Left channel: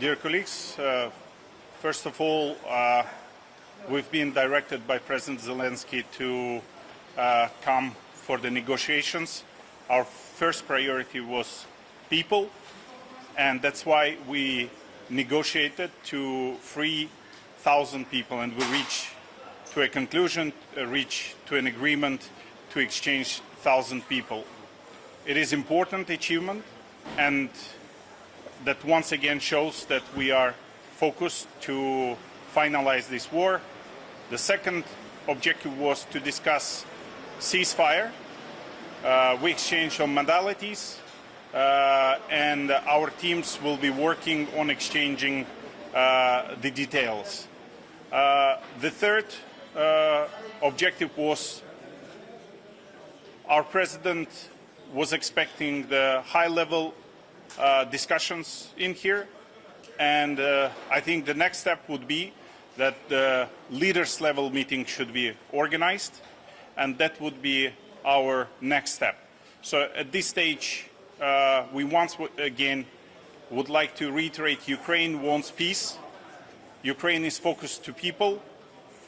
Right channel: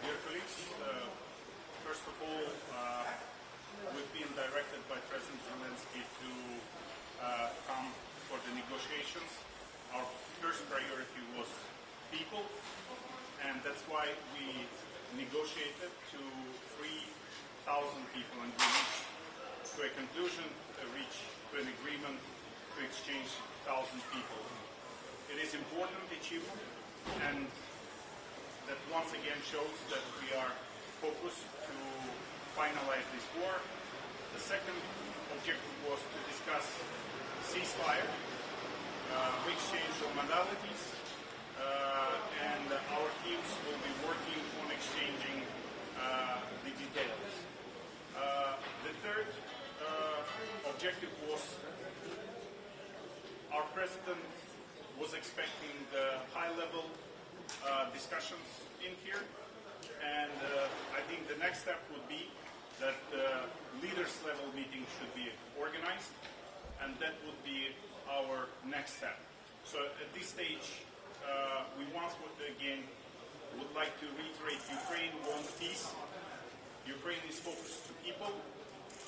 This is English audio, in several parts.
Dear colleagues, first of all, we've been directed by President Zelensky to come for the negotiations. Our first priority was people, and that's why we negotiated to free 1,000 people, and we reached to a conclusion, reach to an agreement to exchange 1,000 people. It is an important achievement, and that once again shows that we are focused to finalize this war. The second objective was to discuss ceasefire. We exchanged on modalities, and our teams will be working on exchanging the details. The third objective was our president was expecting the high-level discussions in here, and I think the next step would be that the leaders level meeting should be organized, and that would be our next step. So at this stage, we once again would like to reiterate Ukraine wants peace. Ukraine is focused to people,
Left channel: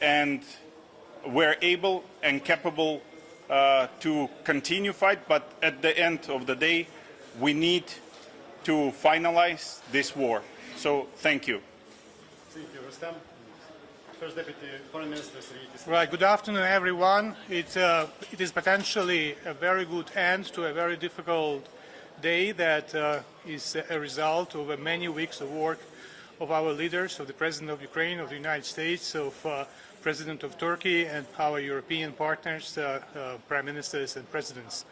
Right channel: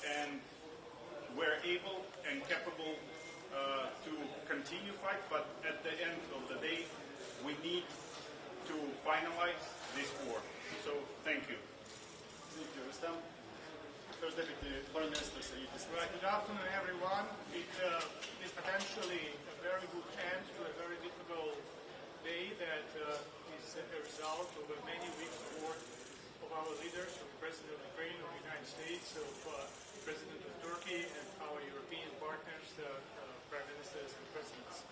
and we're able and capable to continue fight, but at the end of the day, we need to finalize this war. So, thank you. Thank you, Rustam. First Deputy Foreign Minister. Right, good afternoon, everyone. It is potentially a very good end to a very difficult day that is a result of many weeks of work of our leaders, of the President of Ukraine, of the United States, of President of Turkey, and our European partners, Prime Ministers and Presidents.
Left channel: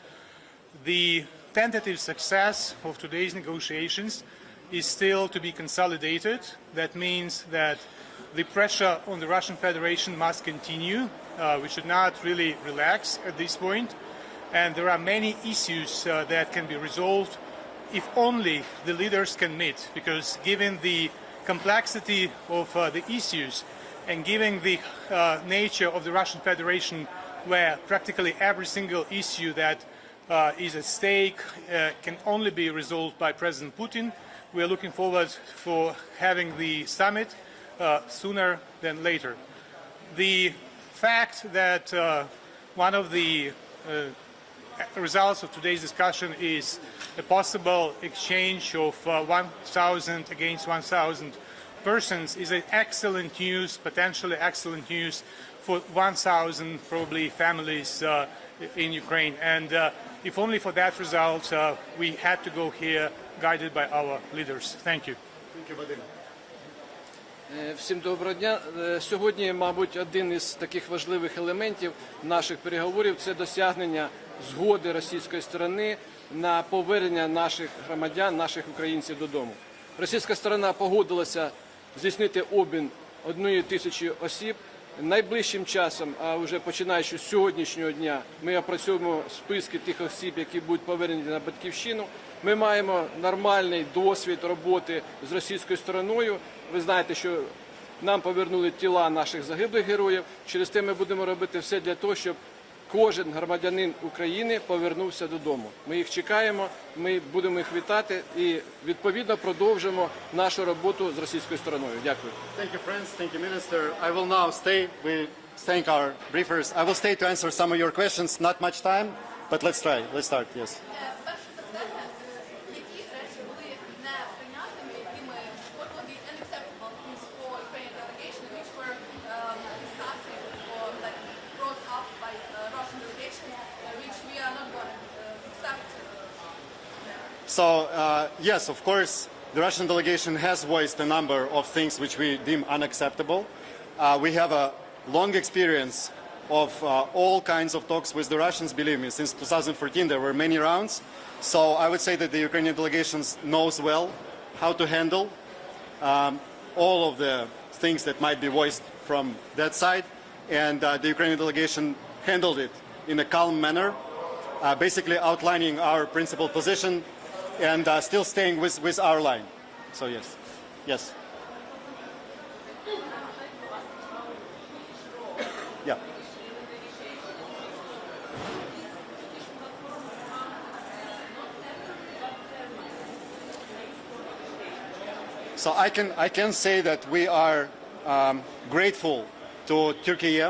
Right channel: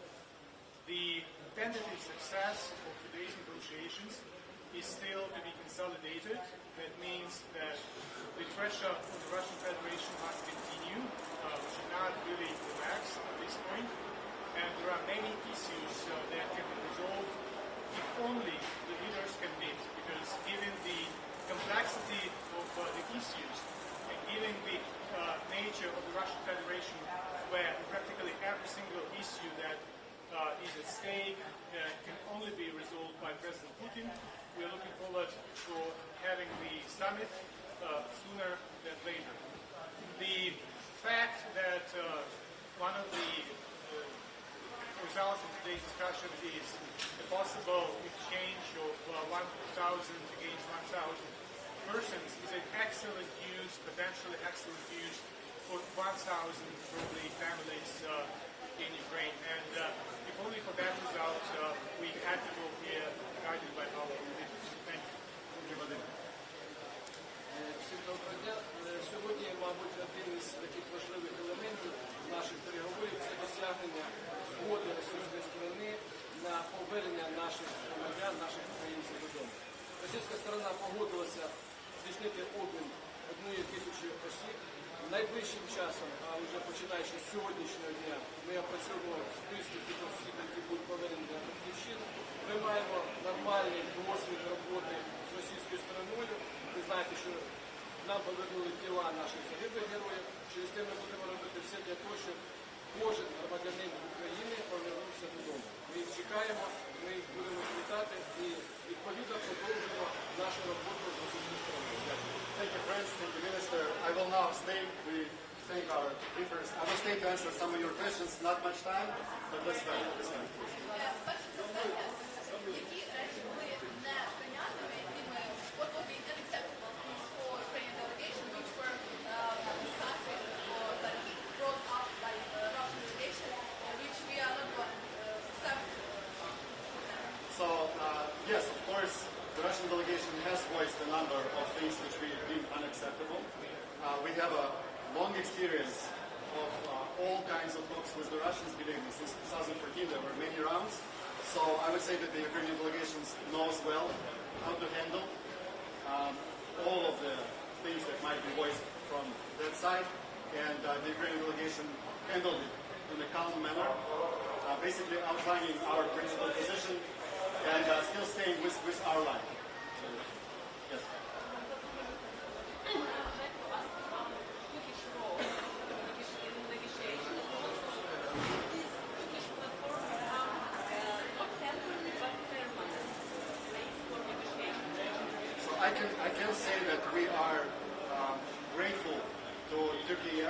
The tentative success of today's negotiations is still to be consolidated. That means that the pressure on the Russian Federation must continue. We should not really relax at this point. And there are many issues that can be resolved if only the leaders can meet, because given the complexity of the issues and given the nature of the Russian Federation, where practically every single issue that is at stake can only be resolved by President Putin, we are looking forward for having the summit sooner than later. The fact that one of the results of today's discussion is a possible exchange of 1,000 against 1,000 persons is an excellent news, potentially excellent news for 1,000 probably families in Ukraine. And if only for that result, we had to go here guided by our leaders. Thank you. Thank you, Vadim. Всім доброго дня. Сьогодні, мабуть, один із таких важливих елементів наших переговорів – це досягнення згоди російської сторони на повернення наших громадян, наших українців додому. Російська сторона погодилася здійснити обмін 1,000 осіб. Найближчим часом, а вже починаючи з сьогоднішнього дня, ми опрацьовуємо списки тих осіб, які будуть повернені на батьківщину. Ми маємо нормальний досвід роботи з російською стороною. Ви знаєте, що нам повернули тіла наших загиблих героїв. Через те ми будемо робити все для того, щоб кожен громадянин України повернувся додому. Ми їх чекаємо, ми будемо їх вітати і, відповідно, продовжимо нашу роботу з російською стороною. Дякую. Thank you, friends. Thank you, Minister. I will now stay. We thank our briefers. I will stay to answer some of your questions. Not much time, but let's try. Let's start. Yes. So, yes, of course, the Russian delegation has voiced a number of things which we deem unacceptable. We have a long experience of all kinds of talks with the Russians, believe me. Since 2014, there were many rounds. So I would say that the Ukrainian delegation knows well how to handle all of the things that might be voiced from that side. And the Ukrainian delegation handled it in a calm manner, basically outlining our principled position and still staying with our line. So yes, yes. Yeah. So I can say that we are grateful to Turkey,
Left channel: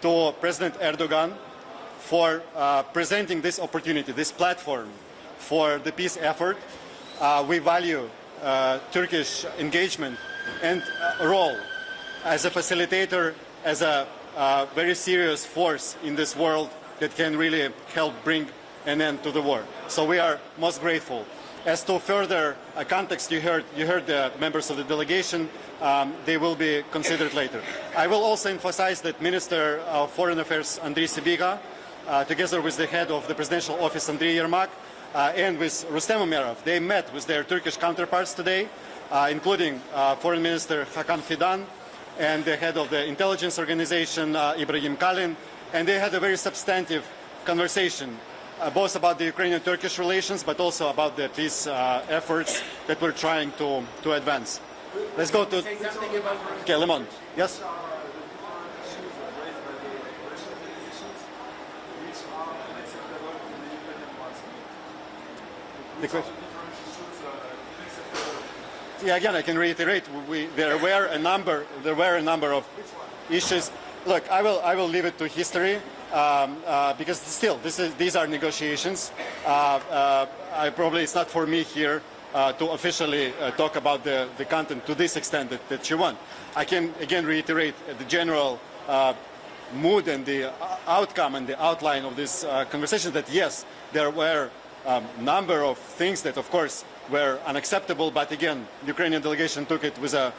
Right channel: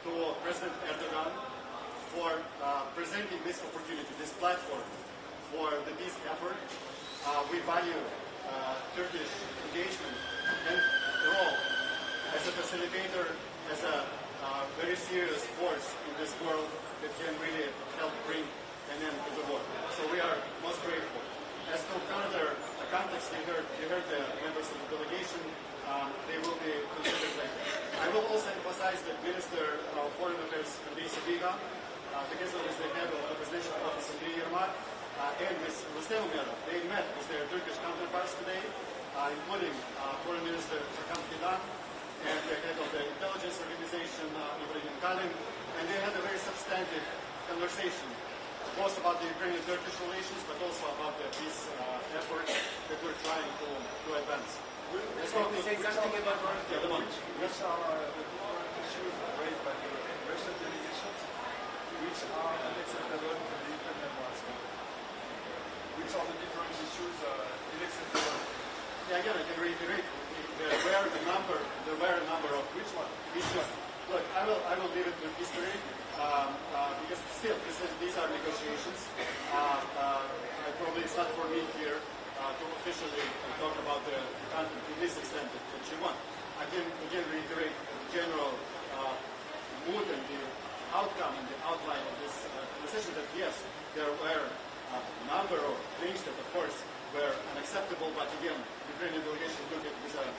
to President Erdogan, for presenting this opportunity, this platform for the peace effort. We value Turkish engagement and role as a facilitator, as a very serious force in this world that can really help bring an end to the war. So we are most grateful. As to further context, you heard the members of the delegation. They will be considered later. I will also emphasize that Minister of Foreign Affairs Andriy Sybiga, together with the head of the Presidential Office Andriy Yermak, and with Rustem Umerov, they met with their Turkish counterparts today, including Foreign Minister Hakan Fidan and the head of the intelligence organization Ibrahim Kalin, and they had a very substantive conversation, both about the Ukrainian-Turkish relations, but also about the peace efforts that we're trying to advance. Let's go to... Okay, Lemon. Yes? Yeah, again, I can reiterate. There were a number of issues. Look, I will leave it to history because still, these are negotiations. It's not for me here to officially talk about the content to this extent that you want. I can again reiterate the general mood and the outcome and the outline of this conversation. That yes, there were a number of things that, of course, were unacceptable, but again, the Ukrainian delegation took it with a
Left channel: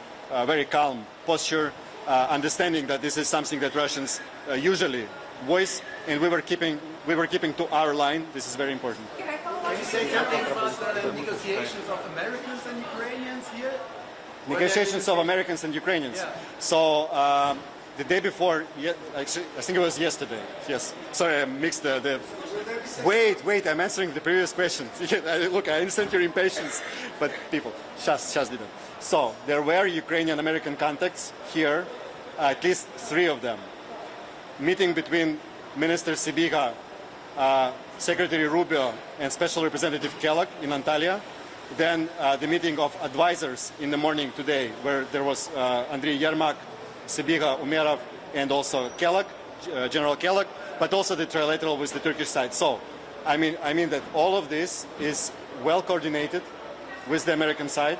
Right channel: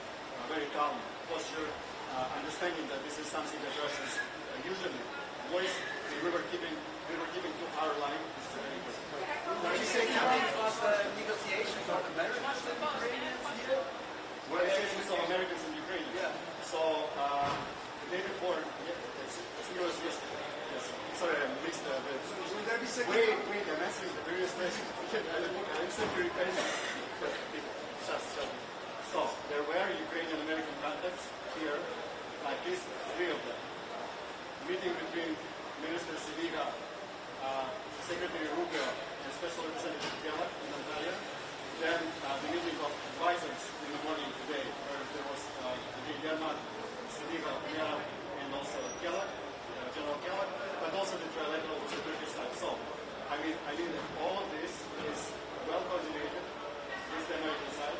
very calm posture, understanding that this is something that Russians usually voice, and we were keeping to our line. This is very important. Can you say something about negotiations of Americans and Ukrainians here? Negotiations of Americans and Ukrainians. Yeah. So the day before, actually, I think it was yesterday. Yes. Sorry, I mixed the Wait, I'm answering the previous question. Look, I understand your impatience, but people, just didn't. So, there were Ukrainian-American contacts here, at least 3 of them. Meeting between Minister Sybiga, Secretary Rubio, and Special Representative Kellogg in Antalya. Then the meeting of advisors in the morning today, where there was Andriy Yermak, Sybiga, Umerov, and also Kellogg, General Kellogg, but also the trilateral with the Turkish side. So, I mean that all of this is well coordinated with the American side.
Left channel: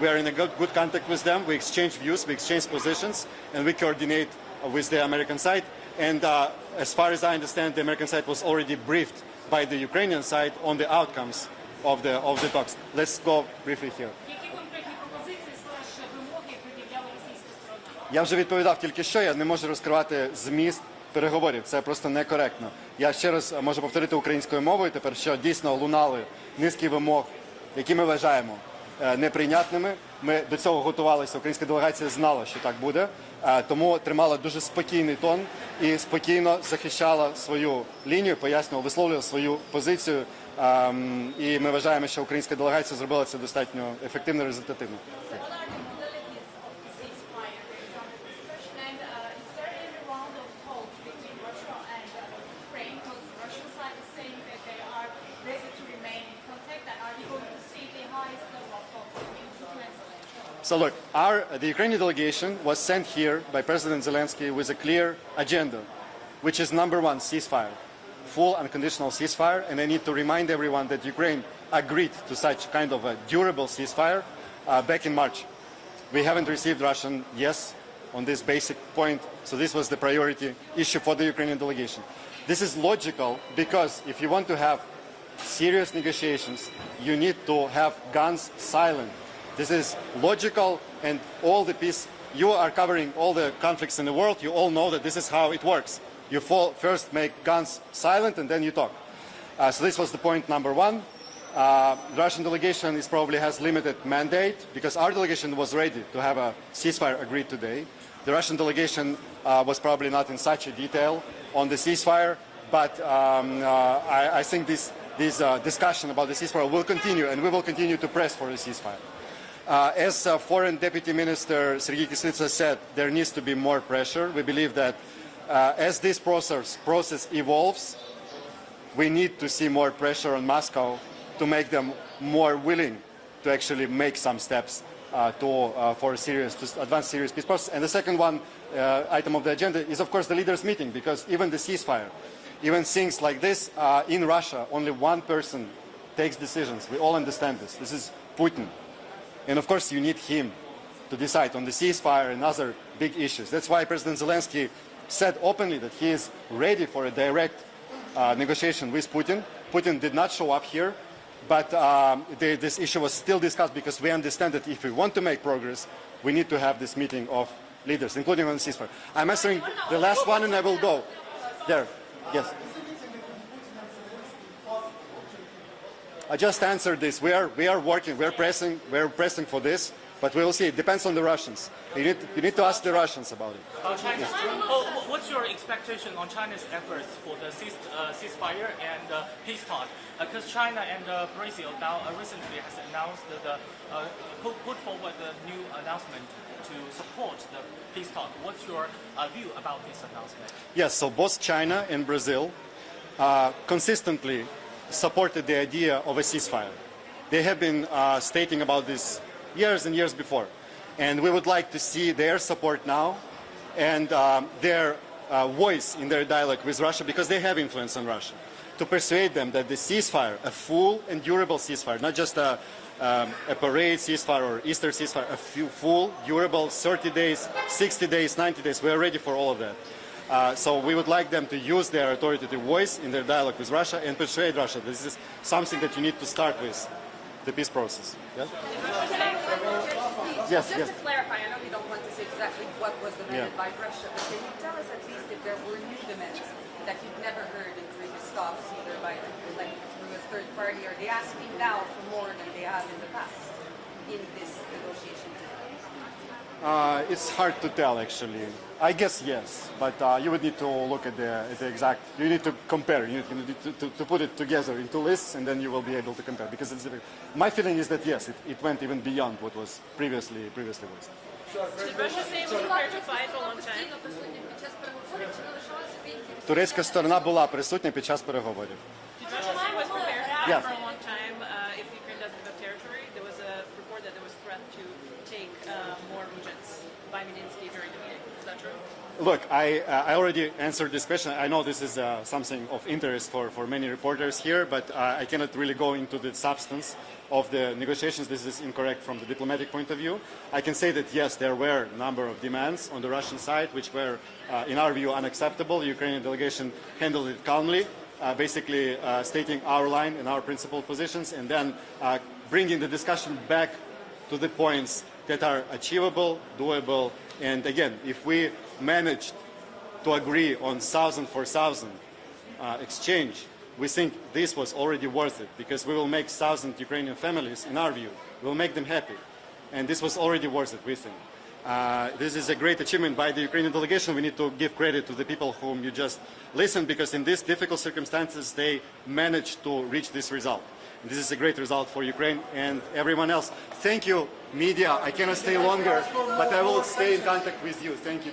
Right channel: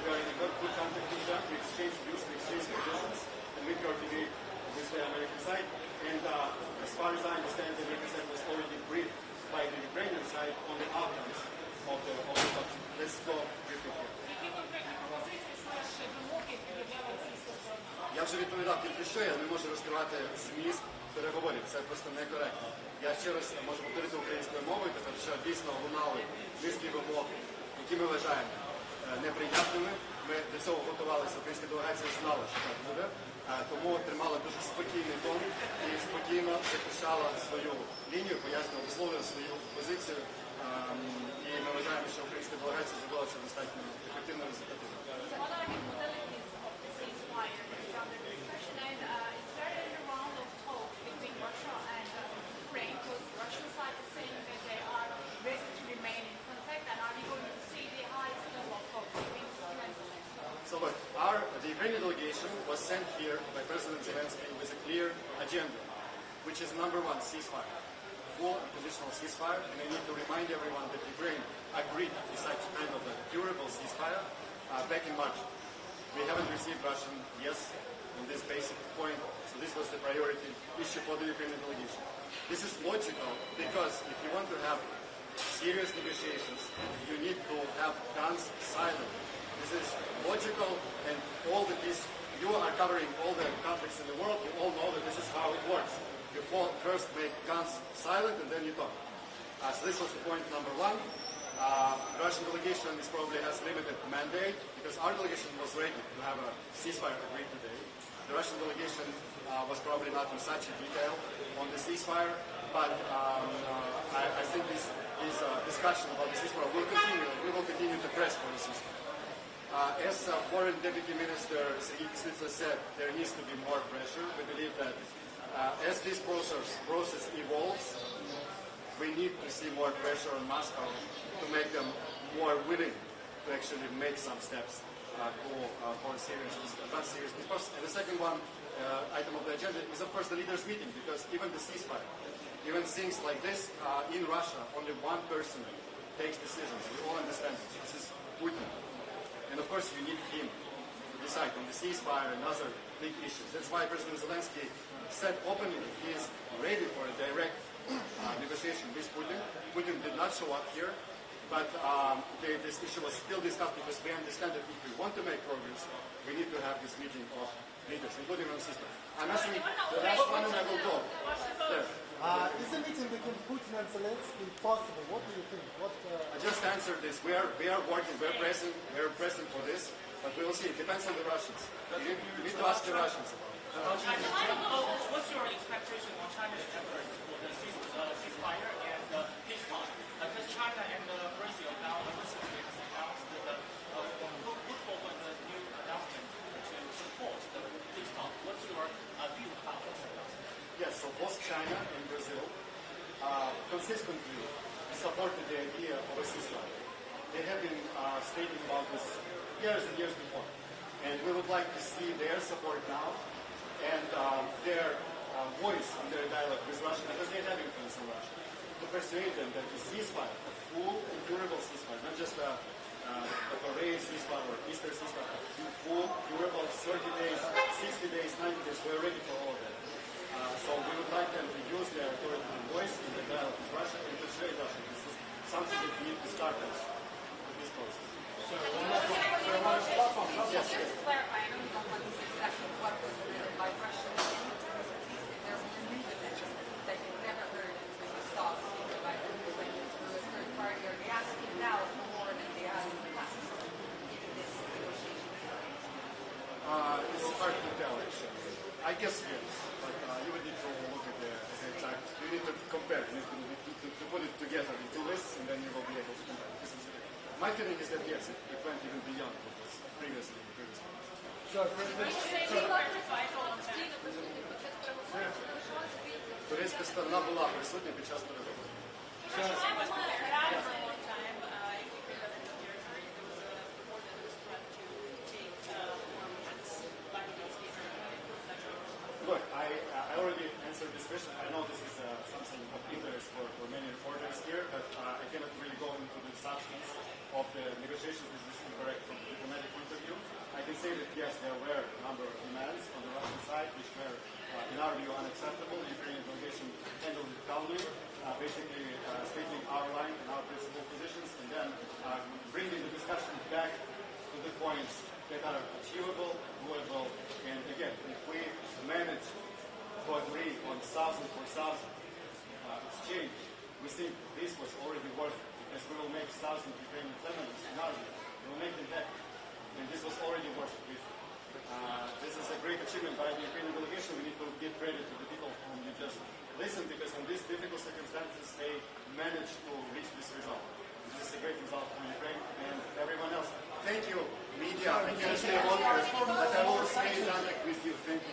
We are in a good contact with them. We exchange views, we exchange positions, and we coordinate with the American side. And as far as I understand, the American side was already briefed by the Ukrainian side on the outcomes of the talks. Let's go briefly here. Я вже відповідав тільки що, я не можу розкривати зміст переговорів, це просто некоректно. Я ще раз можу повторити українською мовою тепер, що дійсно лунали низки вимог, які ми вважаємо неприйнятними. Ми до цього готувалися, українська делегація знала, що так буде, тому тримала дуже спокійний тон і спокійно захищала свою лінію, пояснювала, висловлювала свою позицію. І ми вважаємо, що українська делегація зробила це достатньо ефективно і результативно. So look, the Ukrainian delegation was sent here by President Zelensky with a clear agenda, which is number 1, ceasefire, full unconditional ceasefire. And I need to remind everyone that Ukraine agreed to such kind of a durable ceasefire back in March. We haven't received Russian yes on this basic point, so this was the priority issue for the Ukrainian delegation. This is logical because if you want to have serious negotiations, you need to have guns silent. This is logical, and all the peace, you are covering all the conflicts in the world, you all know that this is how it works. You first make guns silent and then you talk. So this was the point number 1. The Russian delegation probably has limited mandate because our delegation was ready to have a ceasefire agreed today. The Russian delegation was probably not in such a detail on the ceasefire, but I think this discussion about the ceasefire will continue, and we will continue to press for the ceasefire. As Foreign Deputy Minister Sergei Kislitsa said, there needs to be more pressure. We believe that as this process evolves, we need to see more pressure on Moscow to make them more willing to actually make some steps for to advance serious peace process. And the second item of the agenda is, of course, the leaders' meeting, because even the ceasefire, even things like this, in Russia, only one person takes decisions. We all understand this. This is Putin. And of course, you need him to decide on the ceasefire and other big issues. That's why President Zelensky said openly that he is ready for a direct negotiation with Putin. Putin did not show up here, but this issue was still discussed, because we understand that if we want to make progress, we need to have this meeting of leaders, including on the ceasefire. I'm answering the last one and I will go. There. Yes. I just answered this. We are working. We're pressing for this, but we will see. It depends on the Russians. You need to ask the Russians about it. China. What's your expectation on China's efforts for the ceasefire and peace talk? Because China and Brazil now recently has announced put forward a new announcement to support the peace talk. What's your view about this announcement? Yes. So both China and Brazil consistently supported the idea of a ceasefire. They have been stating about this years and years before. And we would like to see their support now and their voice in their dialogue with Russia, because they have influence on Russia, to persuade them that the ceasefire, a full and durable ceasefire, not just a parade ceasefire or Easter ceasefire, a full, durable, 30 days, 60 days, 90 days, we are ready for all of that. So we would like them to use their authoritative voice in their dialogue with Russia and persuade Russia. This is something that you need to start with, the peace process. Yeah? Yes, Just yes. to clarify, I know you don't want to say exactly what was demanded by Russia, but can you tell us at least if there were new demands that you've never heard in previous talks, either by through a third party? Are they asking now for more than they have in the past in this negotiation? It's hard to tell, actually. I guess yes, but you would need to look at the exact. You need to compare. You need to put it together into lists, and then you will be able to compare. Because my feeling is that yes, it went even beyond what was previously voiced. Did Russia say we're prepared to fight for a long time? Турецька сторона була присутня під час переговорів. Russia was prepared Yeah. for a long time if Ukraine doesn't have territory. There was a report that there was threat to take more regions by Medinsky during the meeting. Is that true? Look, I already answered this question. I know this is something of interest for many reporters here, but I cannot really go into the substance of the negotiations. This is incorrect from the diplomatic point of view. I can say that yes, there were a number of demands on the Russian side which were, in our view, unacceptable. The Ukrainian delegation handled it calmly, basically stating our line and our principled positions, and then bringing the discussion back to the points that are achievable, doable, and again, if we manage to agree on 1,000 for 1,000 exchange, we think this was already worth it, because we will make 1,000 Ukrainian families, in our view, we will make them happy. And this was already worth it, we think. This is a great achievement by the Ukrainian delegation. We need to give credit to the people whom you just listened, because in these difficult circumstances, they managed to reach this result. And this is a great result for Ukraine and everyone else. Thank you, media. I cannot stay longer, but I will stay in contact with you. Thank you.